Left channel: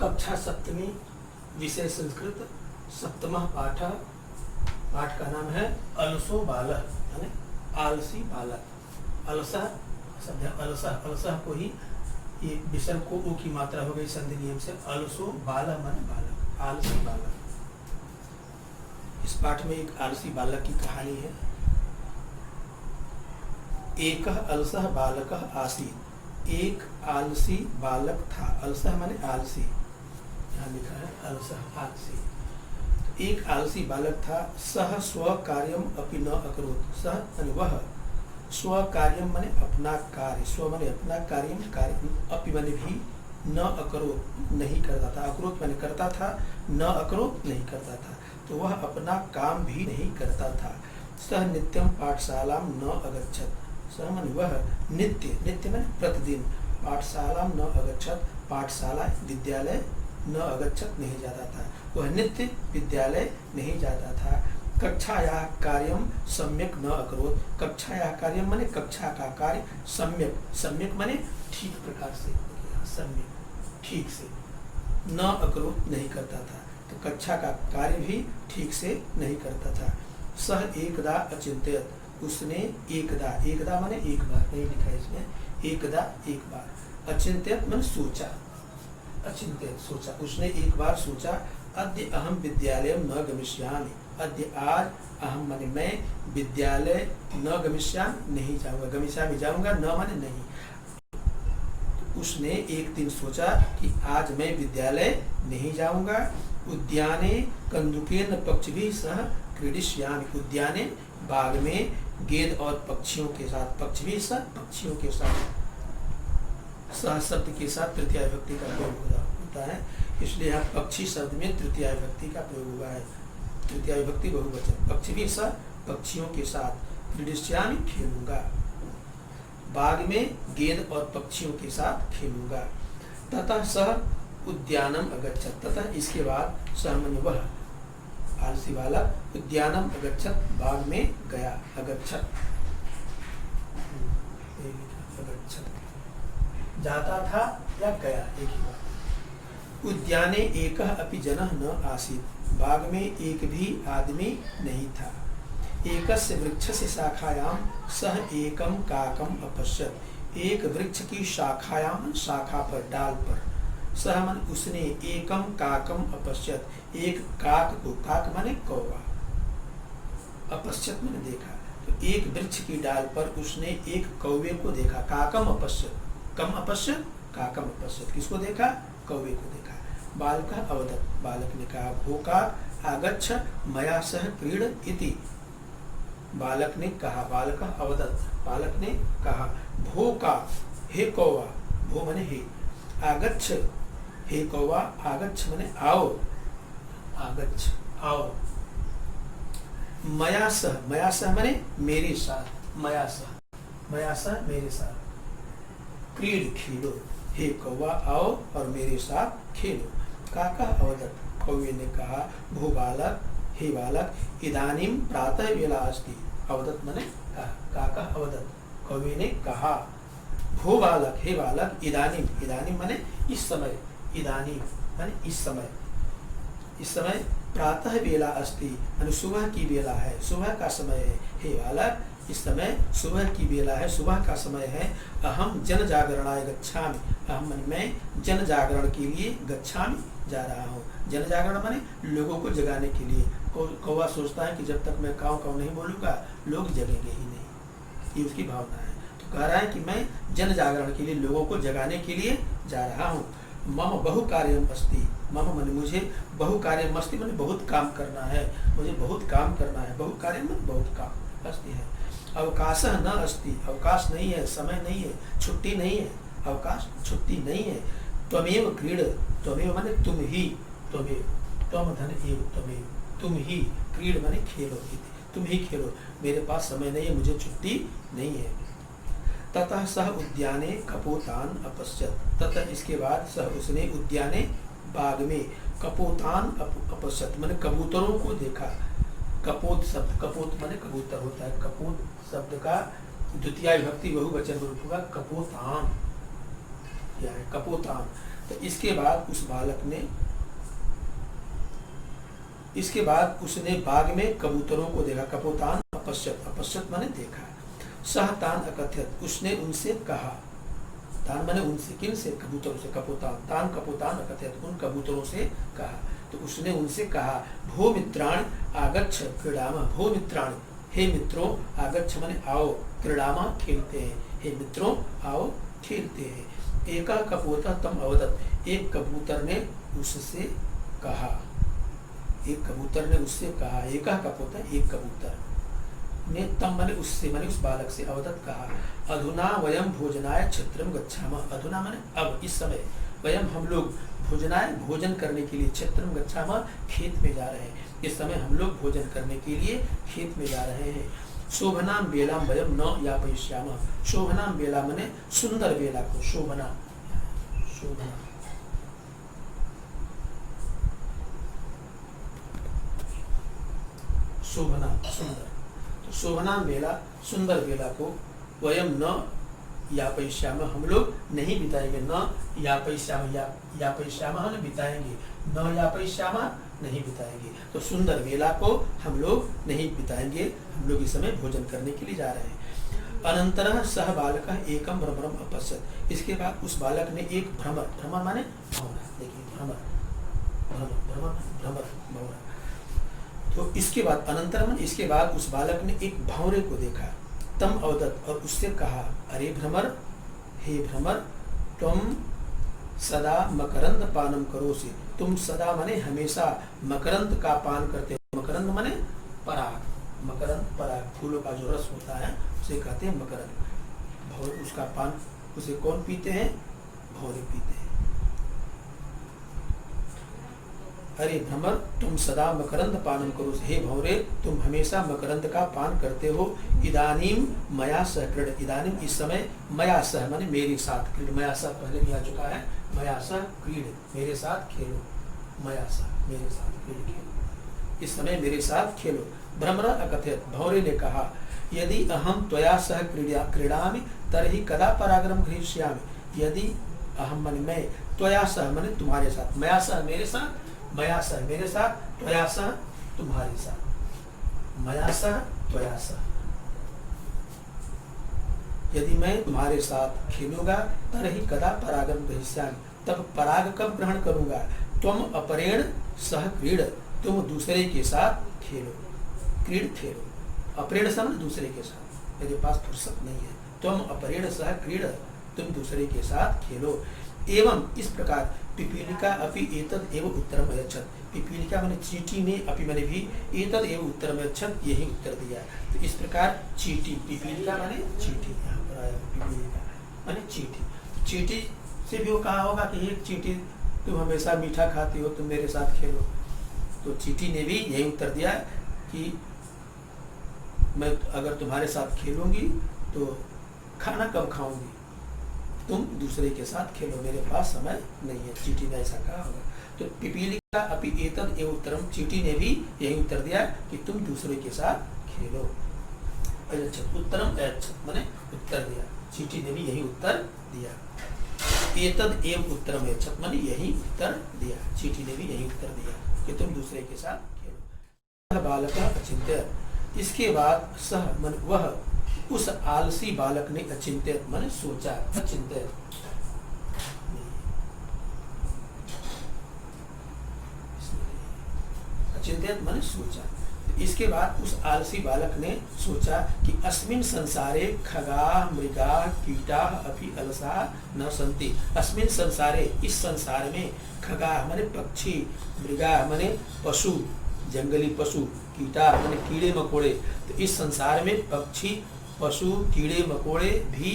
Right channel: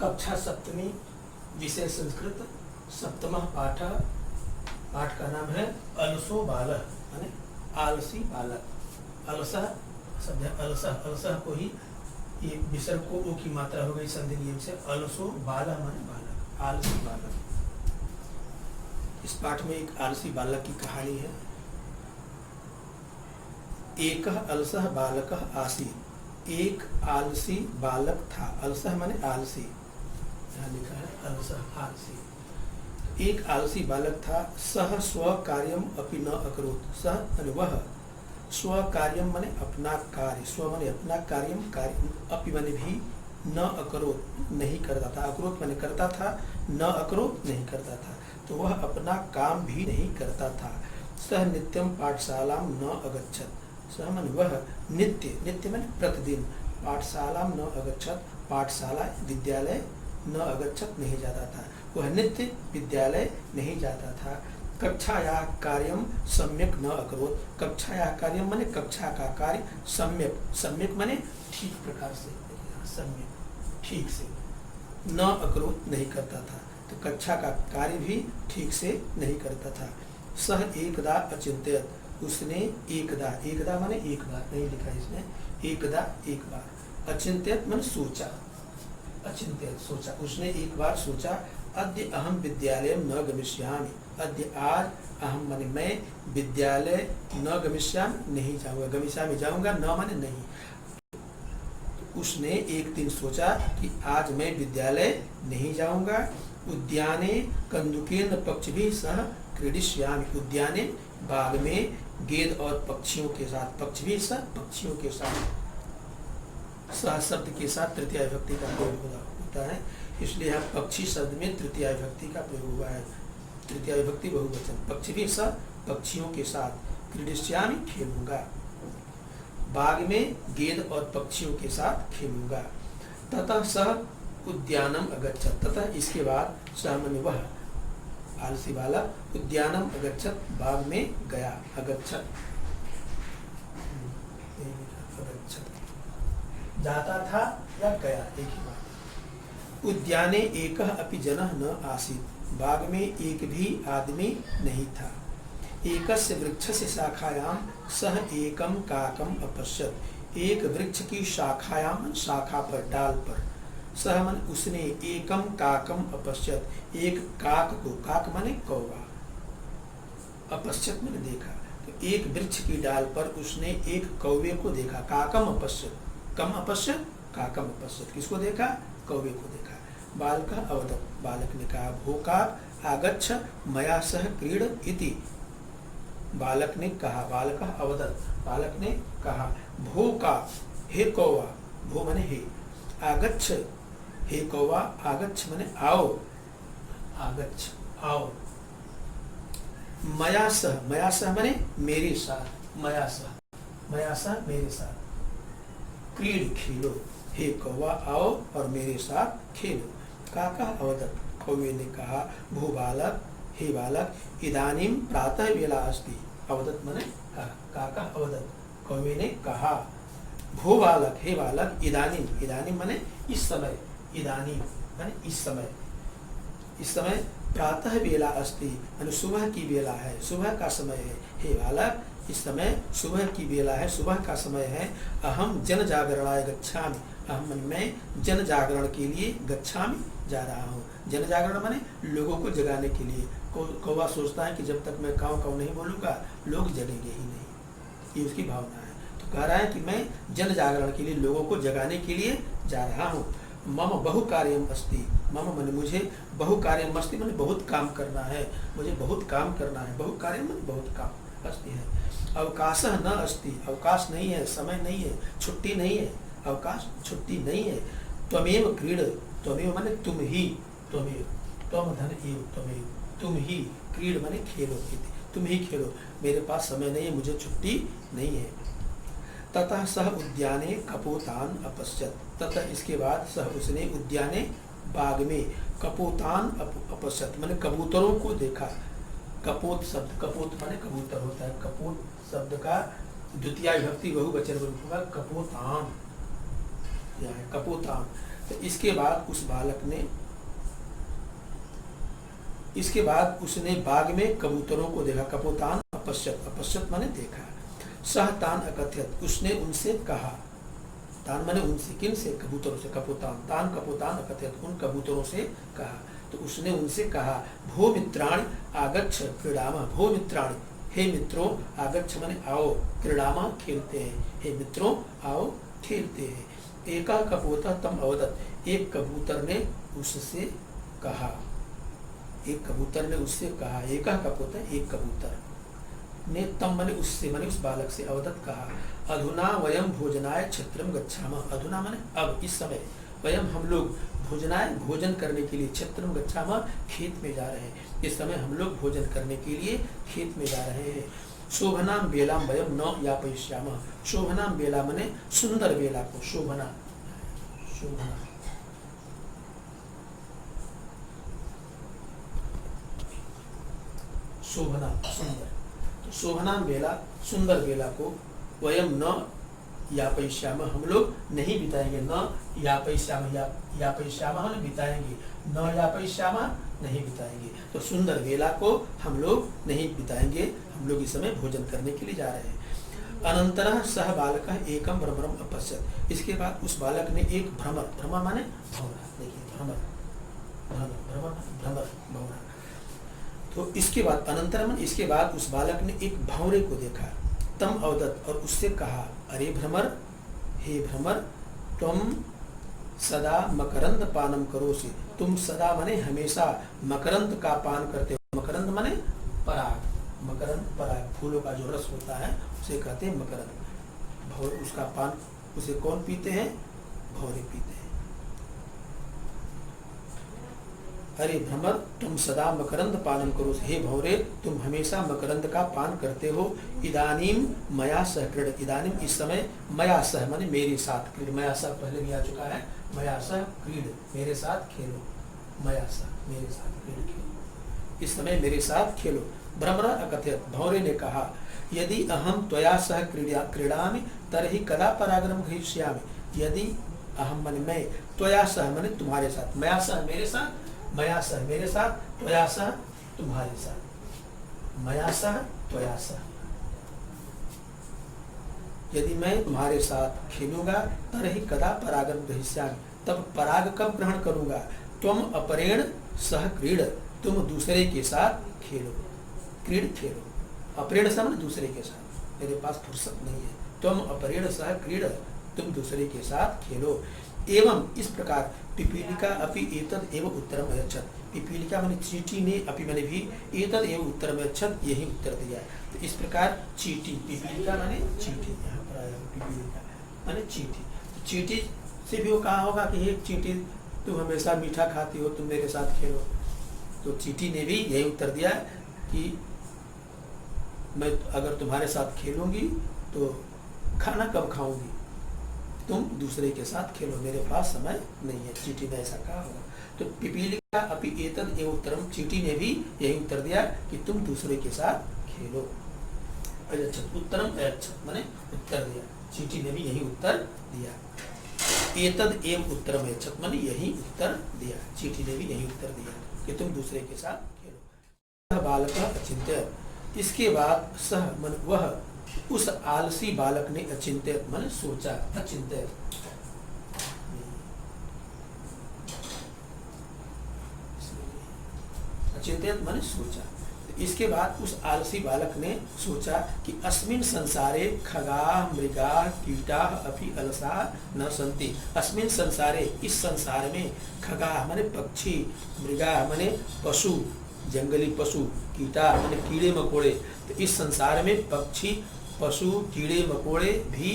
कक्षा सप्तमी, विषय संस्कृत, सप्तमः पाठ। पाठ का नाम है अलसो बालक, यानी आलसी बालक। अलसा शब्द है, अलसा, अलसा को ही ये विसर्ग को ऊ की मात्रा हो गई संधि नियम से। अलसो बालक माने बालक, आलसी बालक। इस पाठ में एक आलसी बालक की कहानी है। एक अलसः बालकः आसीत्, एक आलसी बालक था। अलसः माने आलसी, यहाँ लिखा है अलसः आलसी। एक आलसी बालक था। सह स्व कार्यम अपि न अकरोत्, सह माने वह, स्व कार्यम माने अपना कार्य, स्व माने अपना कार्यम, कार्य अपि माने भी, न अकरोत् नहीं करता था, अकरोत् माने करता था, न अकरोत् नहीं करता था, तो वह अपना काम भी नहीं करता था। सह नित्यम पाठशाला न अगच्छत्, सह माने वह, नित्य, नित्य माने प्रतिदिन, पाठशाला न अगच्छत्, पाठशाला विद्यालय न अगच्छत् नहीं जाता था, वह नित्य विद्यालय नहीं जाता था। कक्षायाः कार्यम सम्यक न अकरोत्, कक्षायाः कार्यम माने कक्षा का कार्य, सम्यक, सम्यक माने ठीक प्रकार से, सम्यक ठीक से, न अकरोत् नहीं करता था, तो कक्षा का कार्य भी ठीक से नहीं करता था। सह एकदा अचिंत्यत, उसने एकदा, एकदा माने एक बार, नहीं लिखा इसमें, एकदा एक बार, अचिंत्यत माने सोचा, अचिंत्यत सोचा, उसने एक बार सोचा, अद्य अहम विद्यालय न गमिष्यामि, अद्य आज, अहम माने मैं, विद्यालय न गमिष्यामि नहीं जाऊंगा, गमिष्यामि जाऊंगा, न माने नहीं। तो उसने एक दिन सोचा कि आज मैं विद्यालय नहीं जाऊंगा। उद्याने कन्दुकेन पक्षिभिः सह क्रीडिष्यामि, उद्याने बाग में गेंद और पक्षियों के साथ, पक्षिभिः सह पक्षियों के साथ, सह शब्द के साथ तृतीया विभक्ति का प्रयोग होता है, इसलिए यहाँ पक्षी शब्द में तृतीया विभक्ति का प्रयोग हुआ है, तृतीया विभक्ति बहुवचन। पक्षिभिः सह पक्षियों के साथ, क्रीडिष्यामि खेलूंगा, बाग में गेंद और पक्षियों के साथ खेलूंगा। ततः सह उद्यानम अगच्छत्, तथा इसके बाद सामान्य वह आलसी वाला उद्यानम अगच्छत्, बाग में गया, अगच्छत्, जाता था या गया, एक ही बात। उद्याने एकः अपि जनः न आसीत्, बाग में एक भी आदमी नहीं था। एकस्य वृक्षस्य शाखायां सह एकम काकम अपश्यत्, एक वृक्ष की शाखायां, शाखा पर, डाल पर, सह मन उसने, एकम काकम अपश्यत्, एक काक को, काक माने कौवा, अपश्यत माने देखा, तो एक वृक्ष की डाल पर उसने एक कौवे को देखा। काकम अपश्यत, कम अपश्यत, काकम अपश्यत, किसको देखा? कौवे को देखा। बालकः अवदत्, बालक ने कहा, भोकाक आगच्छ मया सह क्रीड इति, बालक ने कहा, बालकः अवदत्, बालक ने कहा, भोकाक, हे कौवा, भो माने हे, आगच्छ, हे कौवा, आगच्छ माने आओ, आगच्छ आओ, मया सह, मया सह माने मेरे साथ, मया सह, मया सह मेरे साथ, क्रीड खेलो, हे कौवा आओ और मेरे साथ खेलो। काका अवदत्, कौवे ने कहा, भो बालक, हे बालक, इदानीं प्रातः वेला अस्ति, अवदत् माने कहा, काका अवदत्, कौवे ने कहा, भो बालक, हे बालक, इदानीं, इदानीं माने इस समय, इदानीं माने इस समय, इस समय प्रातः वेला अस्ति माने सुबह की वेला है, सुबह का समय है, हे बालक, इस समय सुबह की वेला है, सुबह का समय है। अहम जन जागरणाय गच्छामि, अहम माने मैं, जन जागरण के लिए, गच्छामि जा रहा हूँ। जन जागरण माने लोगों को जगाने के लिए। कौवा सोचता है कि जब तक मैं काऊ काऊ नहीं बोलूंगा लोग जगेंगे ही नहीं, ये उसकी भावना है। तो कह रहा है कि मैं जन जागरण के लिए, लोगों को जगाने के लिए जा रहा हूँ। मम बहु कार्यम अस्ति, मम माने मुझे, बहु कार्यम अस्ति माने बहुत काम करना है, मुझे बहुत काम करना है, बहु कार्यम माने बहुत काम अस्ति है। अवकाशः न अस्ति, अवकाश नहीं है, समय नहीं है, छुट्टी नहीं है, अवकाश छुट्टी नहीं है। त्वमेव क्रीड, त्वमेव माने तुम ही, त्वमेव, त्वम धन एव त्वमेव, तुम ही, क्रीड माने खेलो, तुम ही खेलो, मेरे पास समय नहीं है, मुझे छुट्टी नहीं है। ततः सह उद्याने कपोतान अपश्यत्, ततः इसके बाद सह उसने, उद्याने बाग में, कपोतान अपश्यत् माने कबूतरों को देखा। कपोत शब्द, कपोत माने कबूतर होता है, कपोत शब्द का द्वितीय विभक्ति बहुवचन रूप होगा कपोतान, क्या है? कपोतान। तो इसके बाद उसने बाग में कबूतरों को देखा। कपोतान अपश्यत, अपश्यत माने देखा। सह तान अकथयत, उसने उनसे कहा। तान माने उनसे, किन से? कबूतरों से। कपोतान, तान कपोतान अकथयत, उन कबूतरों से कहा। तो उसने उनसे कहा, भो मित्राण आगच्छ क्रीडामा। भो मित्राण, हे मित्रों, आगच्छ माने आओ, क्रीडामा खेलते हैं। हे मित्रों आओ खेलते हैं। एका कपोता तम अवदत, एक कबूतर ने उससे कहा। एक कबूतर ने उससे कहा। एका कपोता, एक कबूतर ने तम माने उससे, माने उस बालक से, अवदत कहा, अधुना वयम भोजनाय क्षेत्रम गच्छामः। अधुना माने अब, इस समय, वयम हम लोग, भोजनाय भोजन करने के लिए, क्षेत्रम गच्छामः खेत में जा रहे हैं। इस समय हम लोग भोजन करने के लिए खेत में जा रहे हैं। शोभनाम बेलाम वयम न यापयिष्यामः। शोभनाम बेला माने सुंदर बेला को, शोभना, शोभना, शोभना सुंदर। तो शोभनाम बेला, सुंदर बेला को, वयम न यापयिष्यामः, हम लोग नहीं बिताएंगे। न यापयिष्यामः, यापयिष्यामः हम बिताएंगे, न यापयिष्यामः नहीं बिताएंगे। तो सुंदर बेला को हम लोग नहीं बिताएंगे, हम लोग इस समय भोजन करने के लिए जा रहे हैं। अनंतरः सह बालकः एकम भ्रमरम अपश्यत्। इसके बाद उस बालक ने एक भ्रमर, भ्रमर माने भौरा, देखिए भ्रमर, भ्रमर, भ्रमर, भ्रमर, भौरा। तो इसके बाद अनंतरम, इसके बाद उस बालक ने एक भौरे को देखा। तम अवदत, और उससे कहा, अरे भ्रमर, हे भ्रमर, तुम सदा मकरंद पानम करोसि। तुम सदा माने हमेशा मकरंद का पान करते हो। मकरंद माने पराग, मकरंद पराग, फूलों का जो रस होता है उसे कहते हैं मकरंद। उसका पान, उसे कौन पीते हैं? भौरे पीते हैं। अरे भ्रमर, तुम सदा मकरंद पानम करो। हे भौरे, तुम हमेशा मकरंद का पान करते हो। इदानीम मया सह क्रीड, इदानीम इस समय, मया सह माने मेरे साथ, क्रीड, मया सह पहले भी आ चुका है। मया सह क्रीड, मेरे साथ खेलो। मया सह, मेरे साथ क्रीड, खेलो, इस समय मेरे साथ खेलो। भ्रमर अकथयत, भौरे ने कहा, यदि अहम त्वया सह क्रीडामि तर्हि कदा परागरम गृहीष्यामि। यदि अहम माने मैं, त्वया सह माने तुम्हारे साथ, मया सह मेरे साथ, मया सह मेरे साथ, त्वया सह तुम्हारे साथ, मया सह त्वया सह। यदि मैं तुम्हारे साथ खेलूंगा, तरहि कदा परागम गृहीष्यामि, तब पराग कब ग्रहण करूंगा। त्वम अपरेण सह क्रीड, तुम दूसरे के साथ खेलो। क्रीड खेलो, अपरेण सह दूसरे के साथ, मेरे पास फुर्सत नहीं है। त्वम अपरेण सह क्रीड, तुम दूसरे के साथ खेलो। एवं इस प्रकार पिपीलिका अपि एतद एव उत्तरम अयच्छत्। पिपीलिका माने चींटी ने, अपि माने भी, एतद एव उत्तरम अयच्छत्, यही उत्तर दिया। तो इस प्रकार चींटी, पिपीलिका माने चींटी, यहाँ पर आया पिपीलिका माने चींटी। चींटी से भी वो कहा होगा कि एक चींटी, तुम हमेशा मीठा खाती हो, तुम मेरे साथ खेलो। तो चींटी ने भी यही उत्तर दिया कि मैं अगर तुम्हारे साथ खेलूंगी तो खाना कब खाऊंगी, तुम दूसरे के साथ खेलो, मेरे पास समय नहीं है। चींटी ने ऐसा कहा होगा। तो पिपीलिका अपि एतद एव उत्तरम, चींटी ने भी यही उत्तर दिया कि तुम दूसरे के साथ खेलो। अयच्छत्, उत्तरम अयच्छत् माने उत्तर दिया। चींटी ने भी यही उत्तर दिया। एतद एव उत्तरम अयच्छत् माने यही उत्तर दिया। चींटी ने भी यही उत्तर दिया कि तुम दूसरे के साथ खेलो। बालक अचिंत्य, इसके बाद सह मन वह, उस आलसी बालक ने अचिंत्य माने सोचा, अचिंत्य, अचिंत्य माने सोचा। इसके बाद उस आलसी बालक ने सोचा कि अस्मिन संसारे खगा मृगा कीटा अपि अलसा न सन्ति। अस्मिन संसारे, इस संसार में, खगा माने पक्षी, मृगा माने पशु, जंगली पशु, कीटा माने कीड़े मकोड़े। तो इस संसार में पक्षी, पशु, कीड़े मकोड़े भी,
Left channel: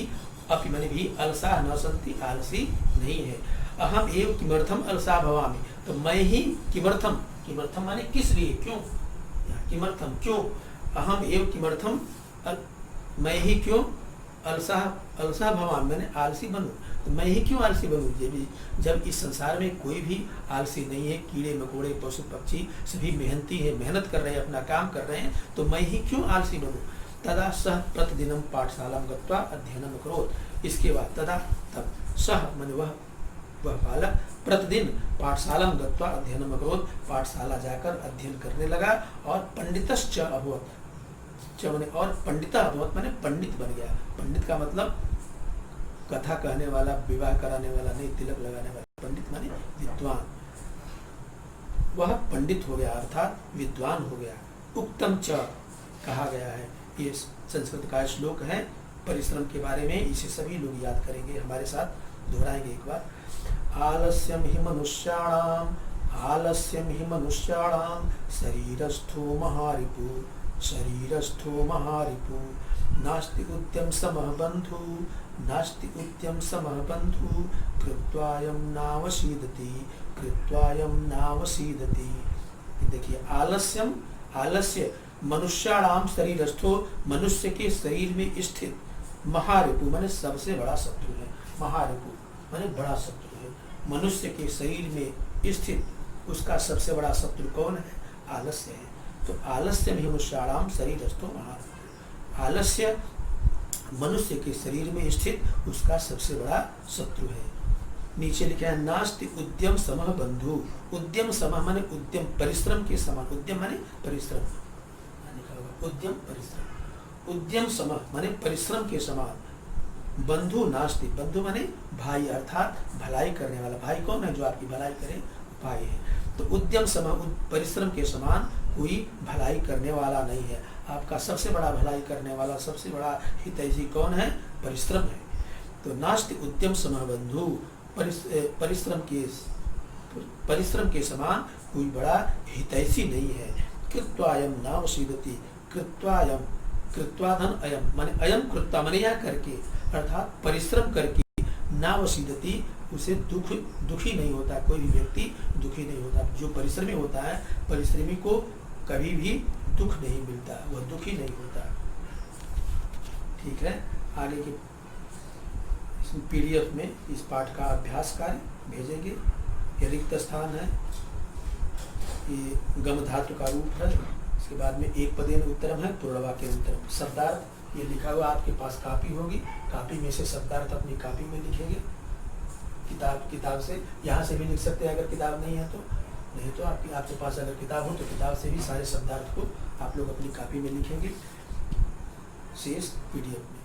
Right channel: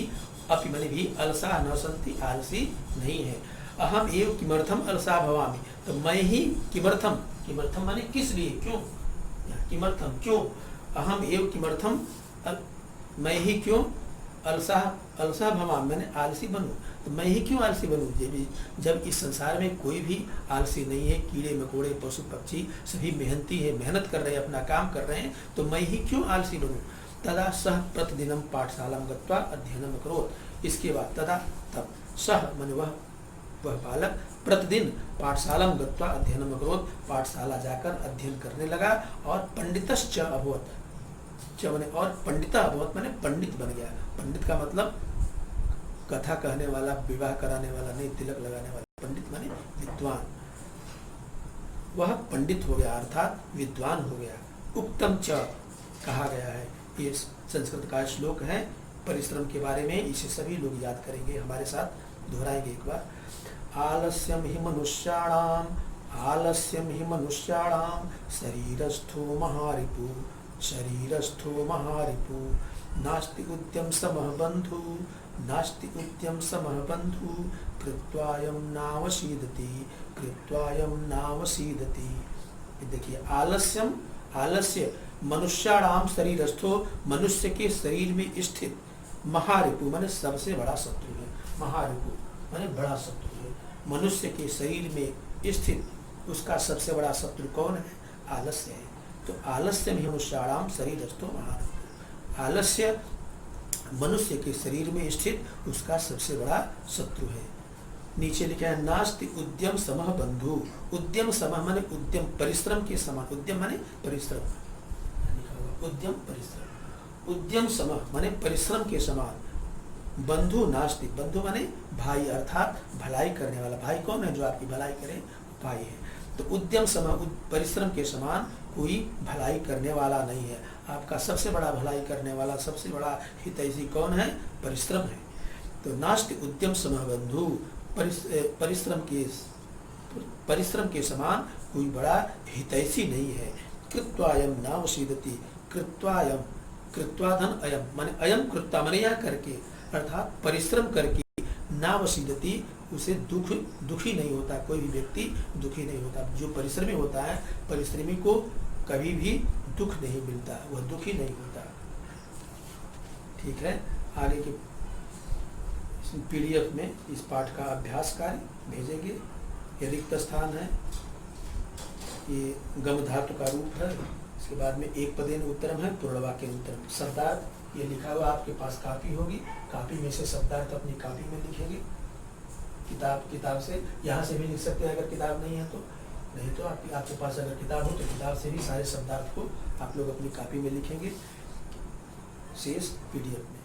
अपि माने भी, अलसा न सन्ति आलसी नहीं है। अहम एव किमर्थम अलसा भवामि, तो मैं ही, किमर्थम, किमर्थम माने किस लिए, क्यों, किमर्थम क्यों, अहम एव किमर्थम, मैं ही क्यों, अलसा, अलसा भवामि मैंने आलसी बनूं, तो मैं ही क्यों आलसी बनूं, जब इस संसार में कोई भी आलसी नहीं है। कीड़े मकोड़े पशु पक्षी सभी मेहनती है, मेहनत कर रहे हैं, अपना काम कर रहे हैं, तो मैं ही क्यों आलसी बनूं। तदा सह प्रतिदिनम पाठशाला गत्वा अध्ययनम करोत्। इसके बाद तदा, तब, सह मन वह, वह बालक प्रतिदिन पाठशाला गत्वा अध्ययनम अकरोत्, पाठशाला जाकर अध्ययन करने लगा। और पंडितश्च अभवत्, च माने और पंडिता अभवत् माने पंडित बन गया। पंडित का मतलब कथा कहने वाला, विवाह कराने वाला नहीं, तिलक लगाने वाला। पंडित माने विद्वान, वह पंडित हो गया अर्थात विद्वान हो गया। उक्तम च कहा गया है, ये संस्कृत का श्लोक है परिश्रम के बारे में, इसे सभी लोग याद करेंगे, हमारे साथ दोहराएंगे एक बार। आलस्यम हि मनुष्याणाम शरीरस्थो महारिपु, शरीरस्थो महारिपु, नास्ति उद्यम समः बंधु, नास्ति उद्यम समः बंधु, कृत्वायं नावसीदति, कृत्वायं नावसीदति। देखिए आलस्यम, आलस्य मनुष्याणाम शरीरस्थो, मनुष्य के शरीर में स्थित, महारिपु माने सबसे बड़ा शत्रु है। महारिपु माने बड़ा शत्रु है। मनुष्य के शरीर में स्थित उसका सबसे बड़ा शत्रु कौन है? आलस्य है। तो आलस्य में मनुष्याणाम शरीरस्थो महारिपु, आलस्य मनुष्य के शरीर में स्थित उसका सबसे बड़ा शत्रु है। नीचे लिखा है नास्ति उद्यम समः बंधु, उद्यम समः माने उद्यम परिश्रम के समान, उद्यम माने परिश्रम, उद्यम परिश्रम, उद्यम समः माने परिश्रम के समान। बंधु नास्ति, बंधु माने भाई अर्थात भलाई करने वाला। भाई कौन है? जो आपकी भलाई करे, भाई है। तो उद्यम समः परिश्रम के समान कोई भलाई करने वाला नहीं है। आपका सबसे बड़ा भलाई करने वाला, सबसे बड़ा हितैषी कौन है? परिश्रम है। तो नास्ति उद्यम समः बंधु, परिश्रम के समान कोई बड़ा हितैषी नहीं है। कृत्वायम नावसीदति, कृत्वायम, कृत्वाधन अयम माने अयम कृत्वा माने यह करके, अर्थात परिश्रम करके, नावसीदति उसे दुखी नहीं होता, कोई भी व्यक्ति दुखी नहीं होता। जो परिश्रमी होता है, परिश्रमी को कभी भी दुख नहीं मिलता, वह दुखी नहीं होता। ठीक है, आगे के पीडीएफ में इस पाठ का अभ्यास कार्य भेजेंगे। ये रिक्त स्थान है, ये गम धातु का रूप है। इसके बाद में एक पदेन उत्तरम है, पूर्णवाक्य उत्तरम। शब्दार्थ ये लिखा हुआ आपके पास कापी होगी, कापी में से शब्दार्थ अपनी कापी में लिखेंगे। किताब से, यहाँ से भी लिख सकते हैं अगर किताब नहीं है तो, नहीं तो आपके पास अगर किताब हो तो किताब से भी सारे शब्दार्थ को आप लोग अपनी कापी में लिखेंगे। शेष पीडीएफ में।